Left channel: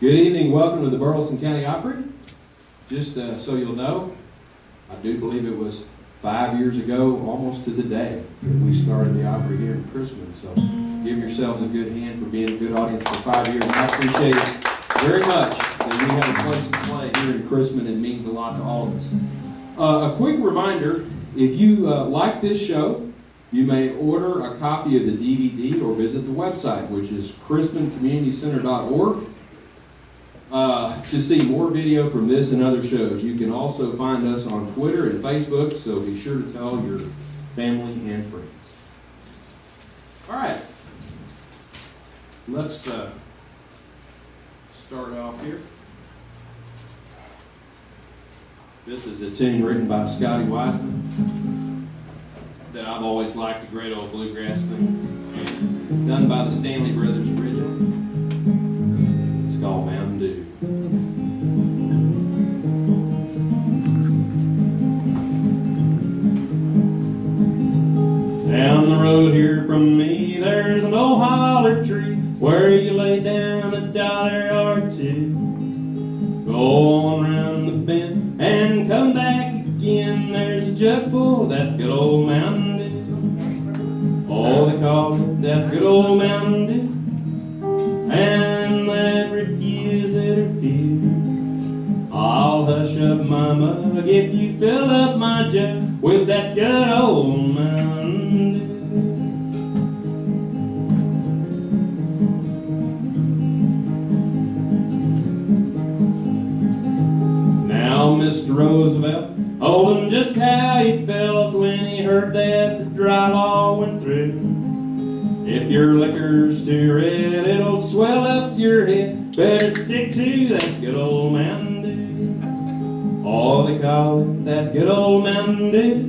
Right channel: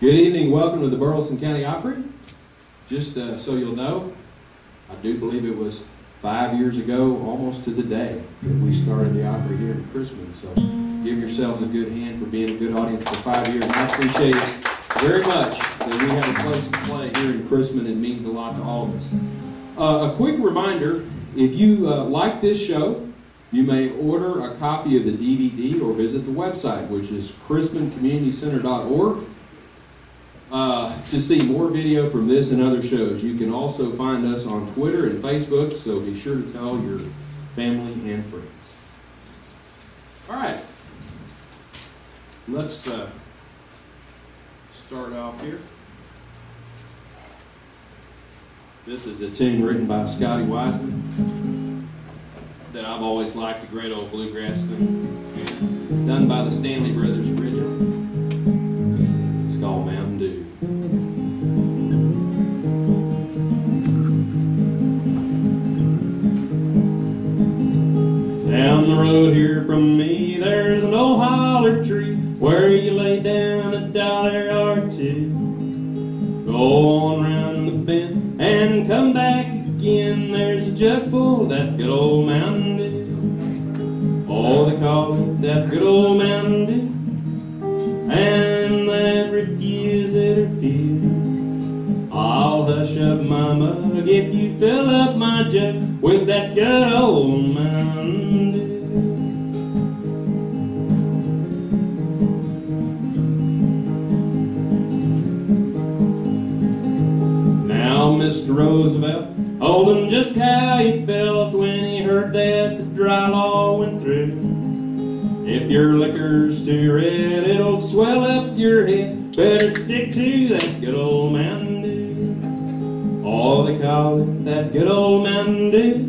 Good evening, welcome to the Burleson County Opry. Just so you'll know, I do believe it was 5 years ago, almost to the day, that we started the Opry here in Crispin. So give yourselves a good hand for being a good audience for 5 years. And I appreciate it very much that we have a place to play here in Crispin. It means a lot to all of us. A quick reminder, if you like this show, you may order a copy of the DVD or visit the website, which is crispincommunitycenter.org. To see more video from this and other shows. You can also find us on Twitter and Facebook, so be sure to tell your family and friends. All right, let's start off here. This is a tune written by Scotty Wiseman that I've always liked, a great old bluegrass thing, done by the Stanley Brothers originally. It's called Mountain Dew. Down the road here from me, there's an old holler tree where you lay down $1 or two. Go on round the bend and come back again. There's a jug full of that good old Mountain Dew. Oh, they call it that good old Mountain Dew. And that refuse it or refuse. I'll hush up my mug if you fill up my jug with that good old Mountain Dew. Now Mr. Roosevelt told him just how he felt when he heard that the dry law went through. If your liquor's too red, it'll swell up your head. Better stick to that good old Mountain Dew. Oh, they call it that good old Mountain Dew.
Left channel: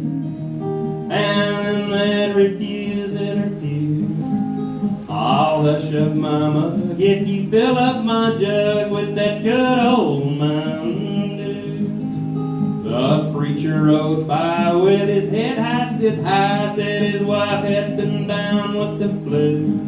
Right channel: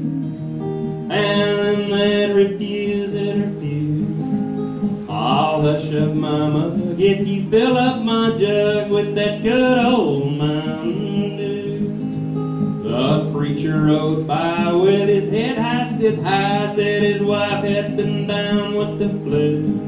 And that refuse it or refuse. I'll hush up my mug if you fill up my jug with that good old Mountain Dew. The preacher rode by with his head hoisted high, said his wife had been down with the flu.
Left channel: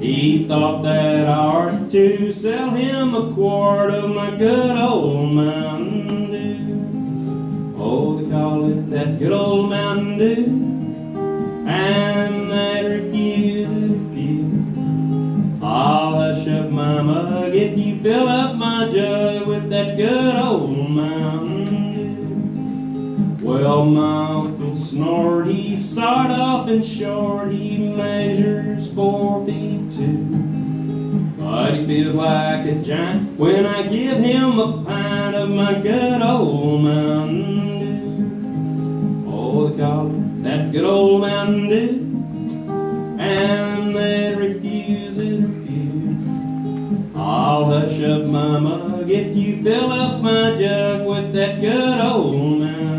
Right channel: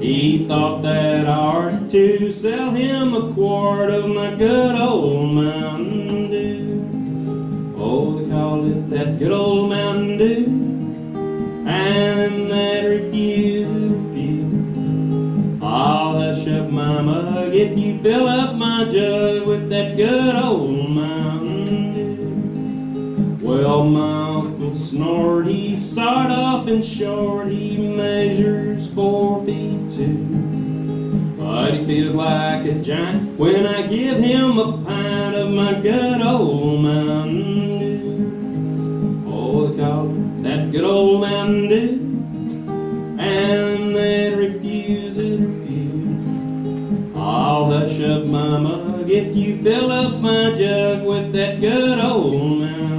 He thought that I ought to sell him a quart of my good old Mountain Dew. Oh, they call it that good old Mountain Dew. And that refuse it refuse. I'll hush up my mug if you fill up my jug with that good old Mountain Dew. Well, my uncle snored, he sawed off and short, he measures 4 feet 2. But he feels like a giant when I give him a pint of my good old Mountain Dew. Oh, they call it that good old Mountain Dew. And they refuse it refuse. I'll hush up my mug if you fill up my jug with that good old Mountain Dew.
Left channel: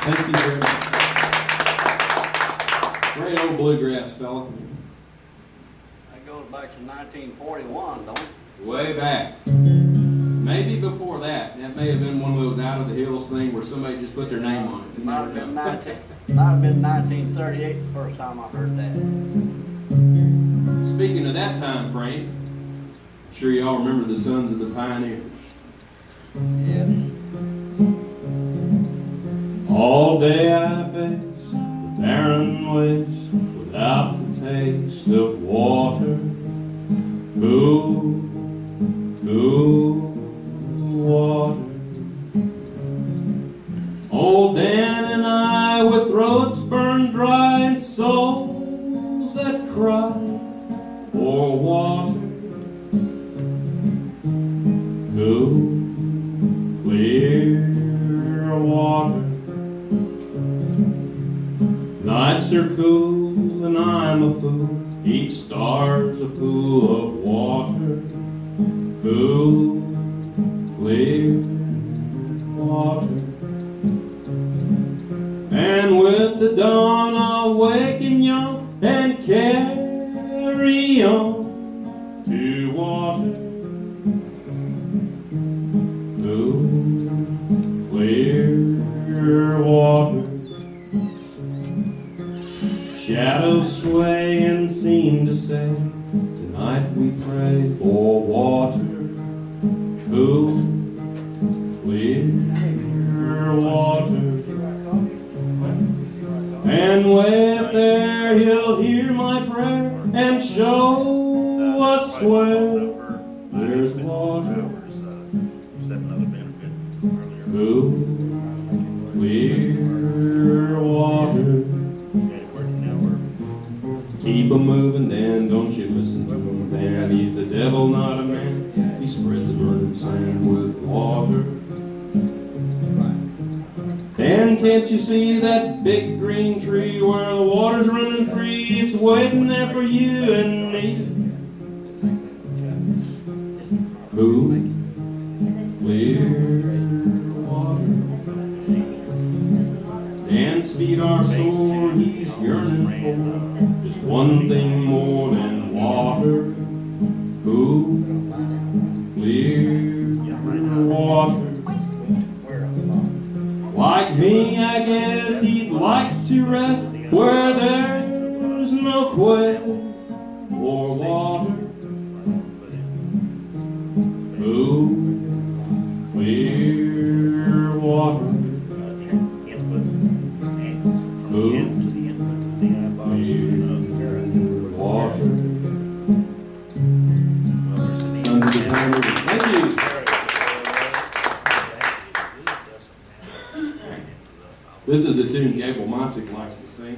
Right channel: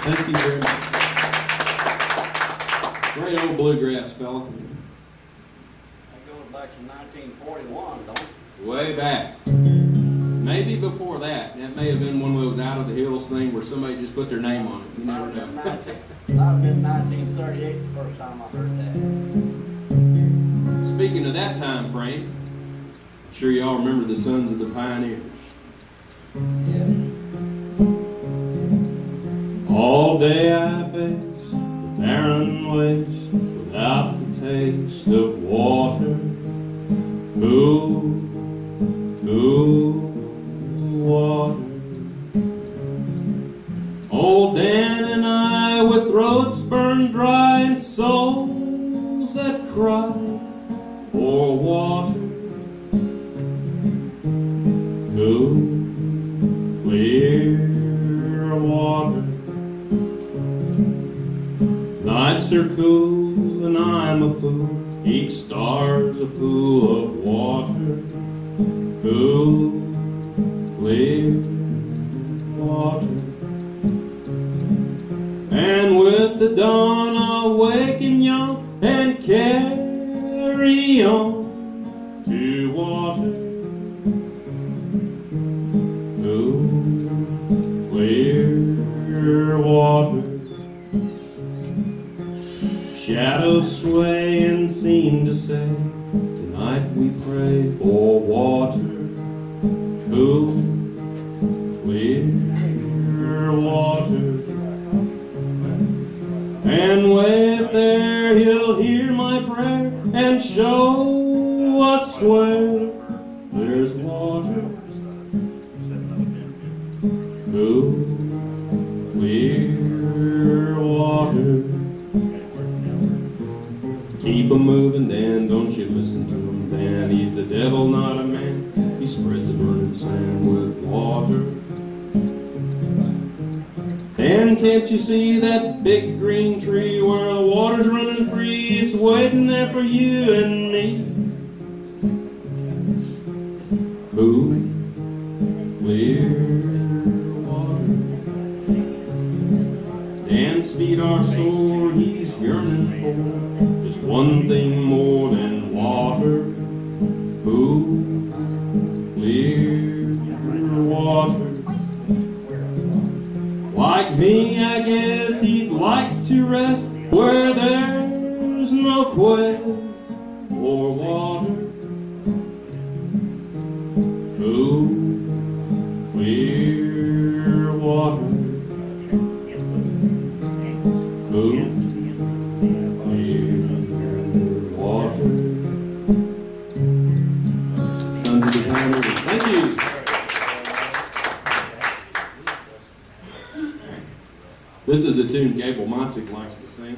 Thank you very much. Great old bluegrass fella. That goes back to 1941, don't it? Way back. Maybe before that. That may have been one of those out of the hills thing where somebody just put their name on it. You Might never have know. been 1938 the first time I heard that. Speaking of that time frame, I'm sure you all remember the Sons of the Pioneers. Yeah. All day I face the barren waste without the taste of water. Cool, cool water. Old Dan and I with throats burned dry and souls that cry for water. Cool, clear water. Nights are cool and I'm a fool. Each star's a pool of water. Cool, clear water. And with the dawn I'll wake and yawn and carry me on to water. Cool, clear water. Shadows sway and seem to say, tonight we pray for water. Cool, clear water. And way up there he'll hear my prayer and show us where there's water. Cool, clear water. Keep 'em moving, Dan, don't you listen to him, Dan. He's a devil, not a man. He spreads the burning sand with water. Dan, can't you see that big green tree where the water's running free? It's waiting there for you and me. Cool, clear water. Dan's feet are sore, he's yearning for just one thing more than water. Cool, clear water. Like me, I guess he'd like to rest where there's no quest or water. Cool, clear water. Cool, clear water. Thank you. This is a tune Gable Monsick likes to sing.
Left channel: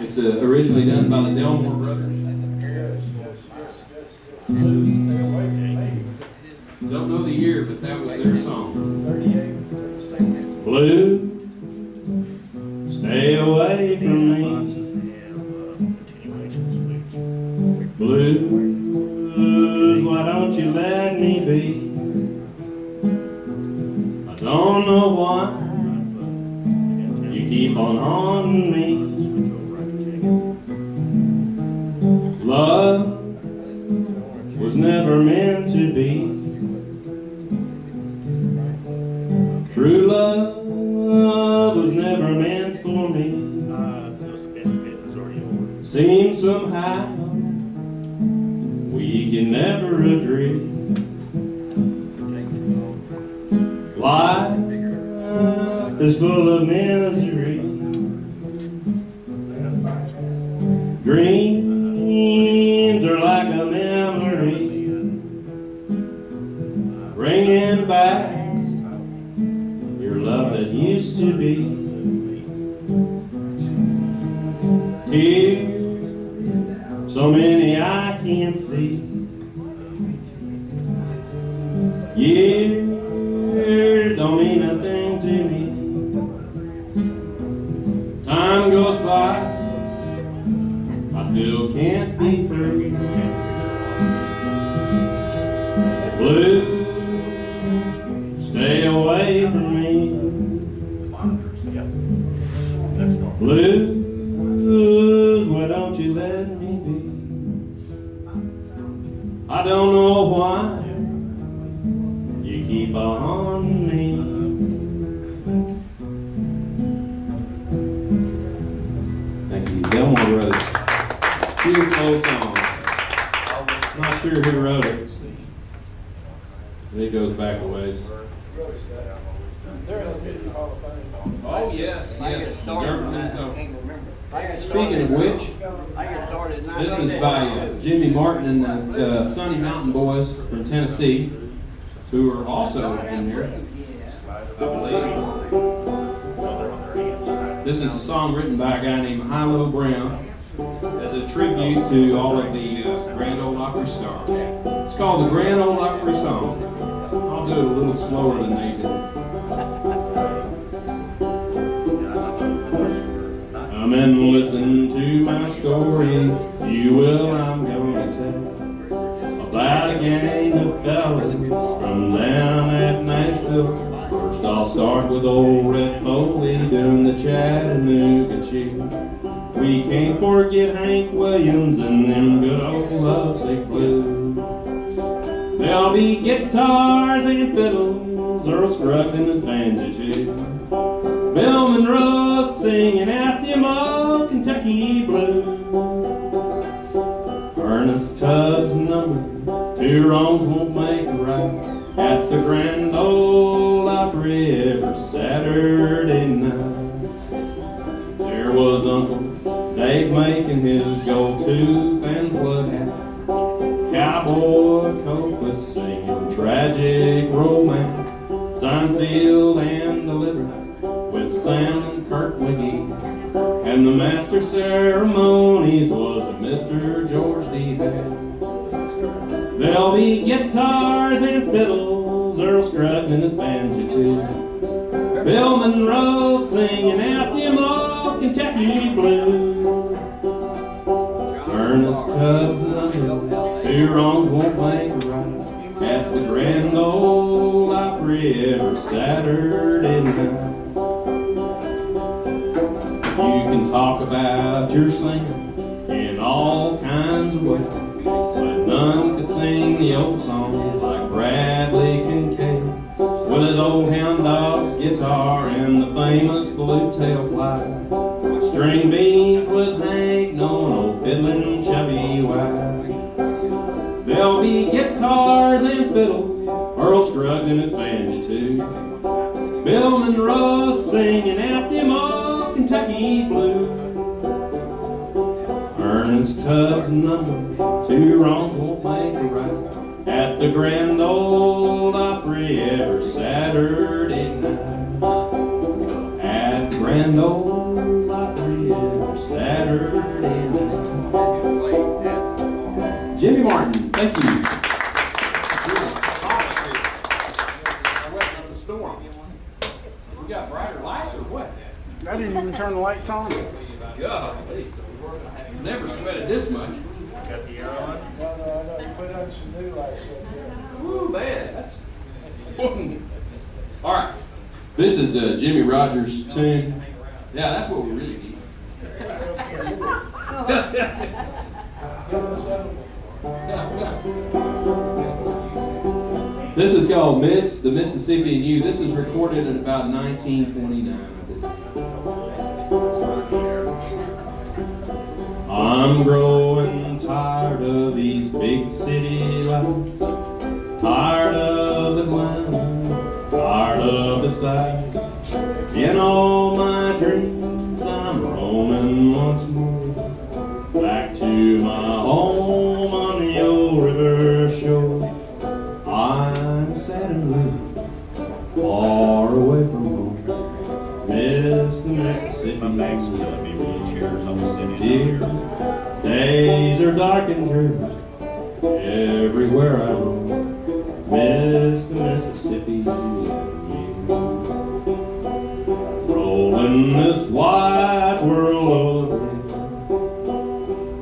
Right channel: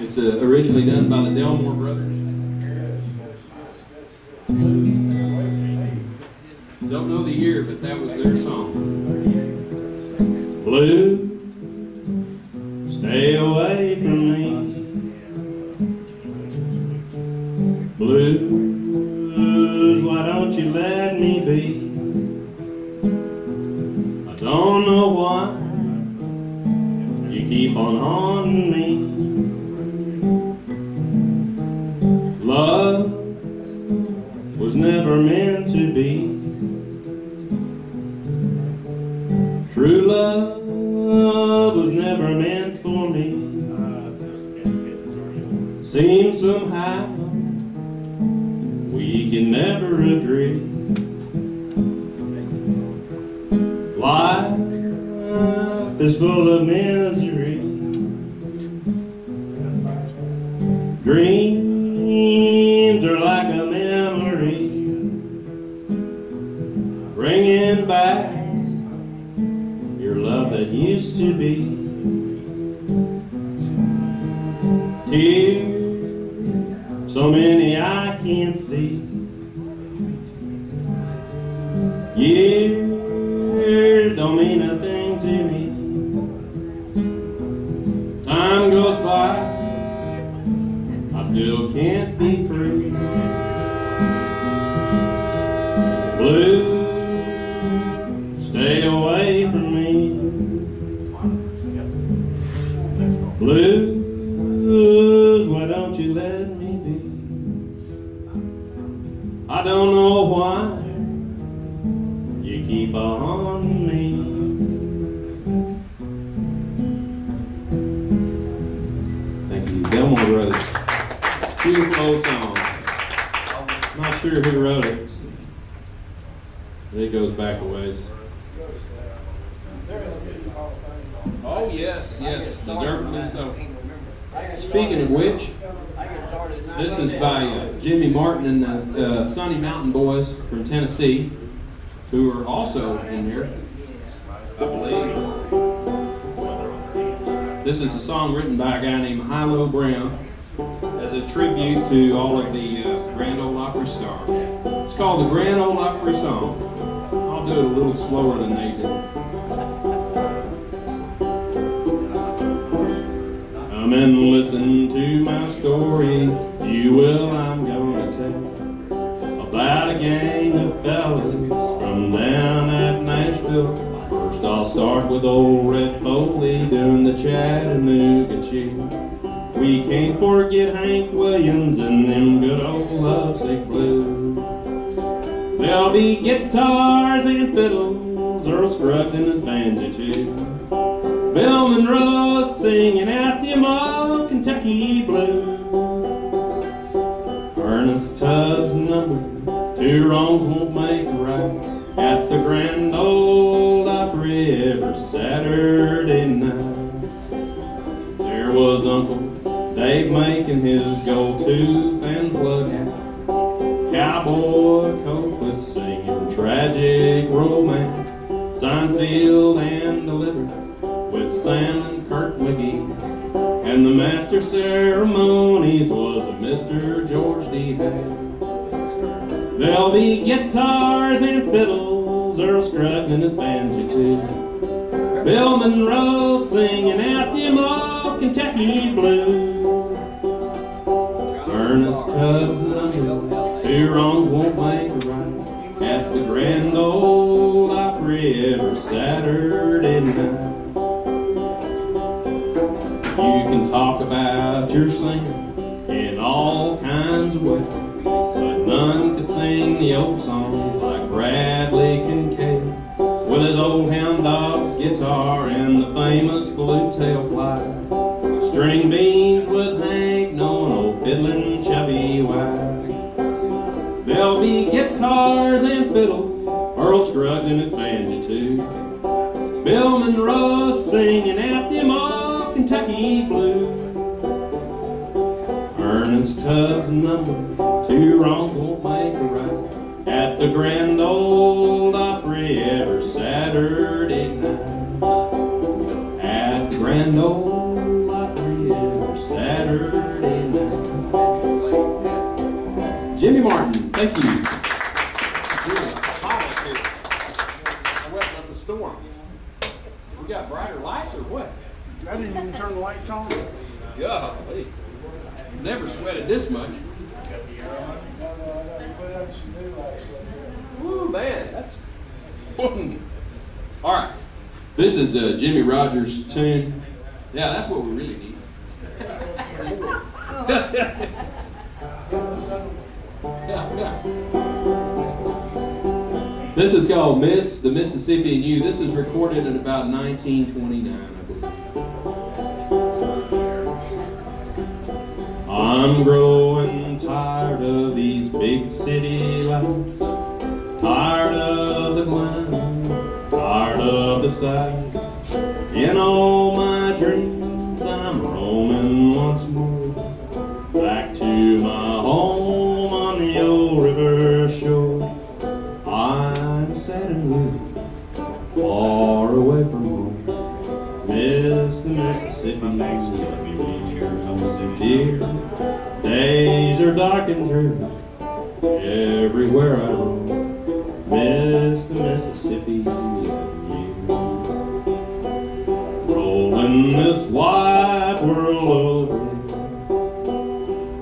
It's originally done by the Delmore Brothers. Don't know the year, but that was their song. Blue, stay away from me. Blues, why don't you let me be? I don't know why you keep on haunting me. Love was never meant to be. True love was never meant for me. Seems somehow we can never agree. Life is full of misery. Dreams are like a memory, bringing back your love that used to be. Tears, so many I can't see. Years don't mean a thing to me. Time goes by, I still can't be free. Blue, stay away from me. Blues, why don't you let me be? I don't know why you keep on me. Thank you, Delmore Brothers. Beautiful old song. Not sure who wrote it. It goes back a ways. Oh yes, yes, deservedly so. Speaking of which, this is by Jimmy Martin and the Sunny Mountain Boys from Tennessee, who are also in here, I believe. This is a song written by a guy named Hilo Brown as a tribute to all of the Grand Ole Opry stars. It's called the Grand Ole Opry Song. I'll do it a little slower than they did. Come and listen to my story, if you will. I'm going to tell about a gang of fellas from down at Nashville. First First I'll start with old Red Foley doing the Chattanooga Chew. We can't forget Hank Williams and them good old lovesick blues. There'll be guitars and fiddles, Earl Scruggs and his banjo too. Bill Monroe singing out them old Kentucky blues. Ernest Tubbs number, two wrongs won't make a right, at the Grand Ole Opry every Saturday night. There was Uncle Dave making his gold tooth and plug hat. Cowboy Coke was singing tragic romance, signed, sealed, and delivered with Sam and Kurt McGee. And the master ceremonies was a Mr. George D. Hay. There'll be guitars and fiddles, Earl Scruggs and his banjo too. Bill Monroe singing out them old Kentucky blues. Ernest Tubbs number, two wrongs won't make a right, at the Grand Ole Opry every Saturday night. You can talk about your singing in all kinds of ways, but none could sing the old songs like Bradley Kincaid, with his old hound dog guitar and the famous blue tail fly. String beans with Hank, knowing old fiddling Chubby White. There'll be guitars and fiddle, Earl Scruggs and his banjo too. Bill Monroe singing out them old Kentucky blues. Ernest Tubbs number, two wrongs won't make a right, at the Grand Ole Opry every Saturday night. At the Grand Ole Opry every Saturday night. Jimmy Martin, thank you. I went up a storm. We got brighter lights or what? I didn't even turn the lights on. Golly. Never sweated this much. Woo, man, that's... All right. This is Jimmy Rogers' tune. Yeah, that's what we really need. This is called Miss the Mississippi and You. This was recorded in about 1929, I believe. I'm growing tired of these big city lights, tired of the glam, tired of the sight. In all my dreams I'm roaming once more, back to my home on the old river shore. I'm sad and weary, far away from home, miss the Mississippi. Dear, days are dark and dreary, everywhere I roam, miss the Mississippi. Rolling this wide world over,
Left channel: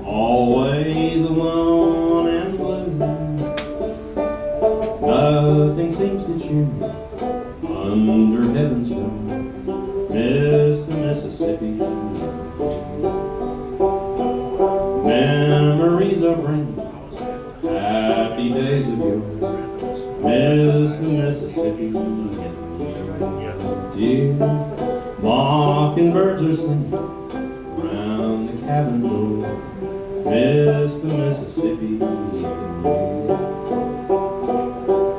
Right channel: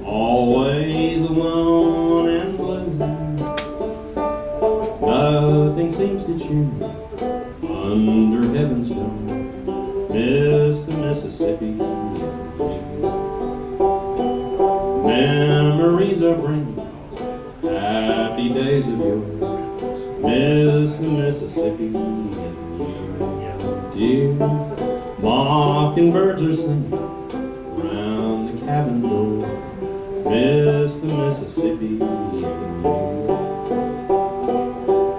always alone and blue. Nothing seems to cheer me under heaven's dome, miss the Mississippi. Memories are bringing happy days of yore, miss the Mississippi. Dear, mockingbirds are singing round the cabin door, miss the Mississippi.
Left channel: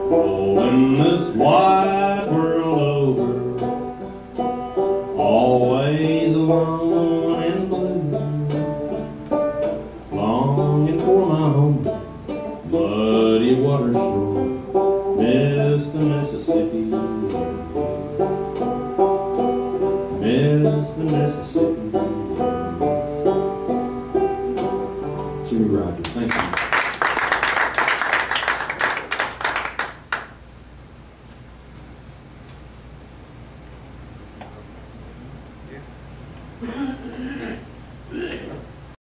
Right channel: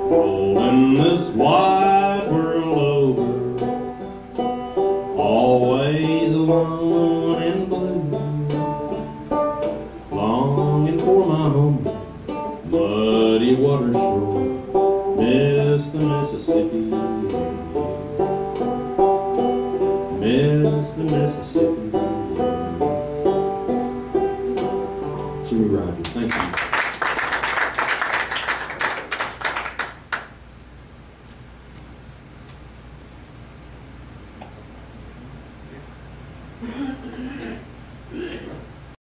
Rolling this wide world over, always alone and blue, longing for my home, muddy water shore, miss the Mississippi.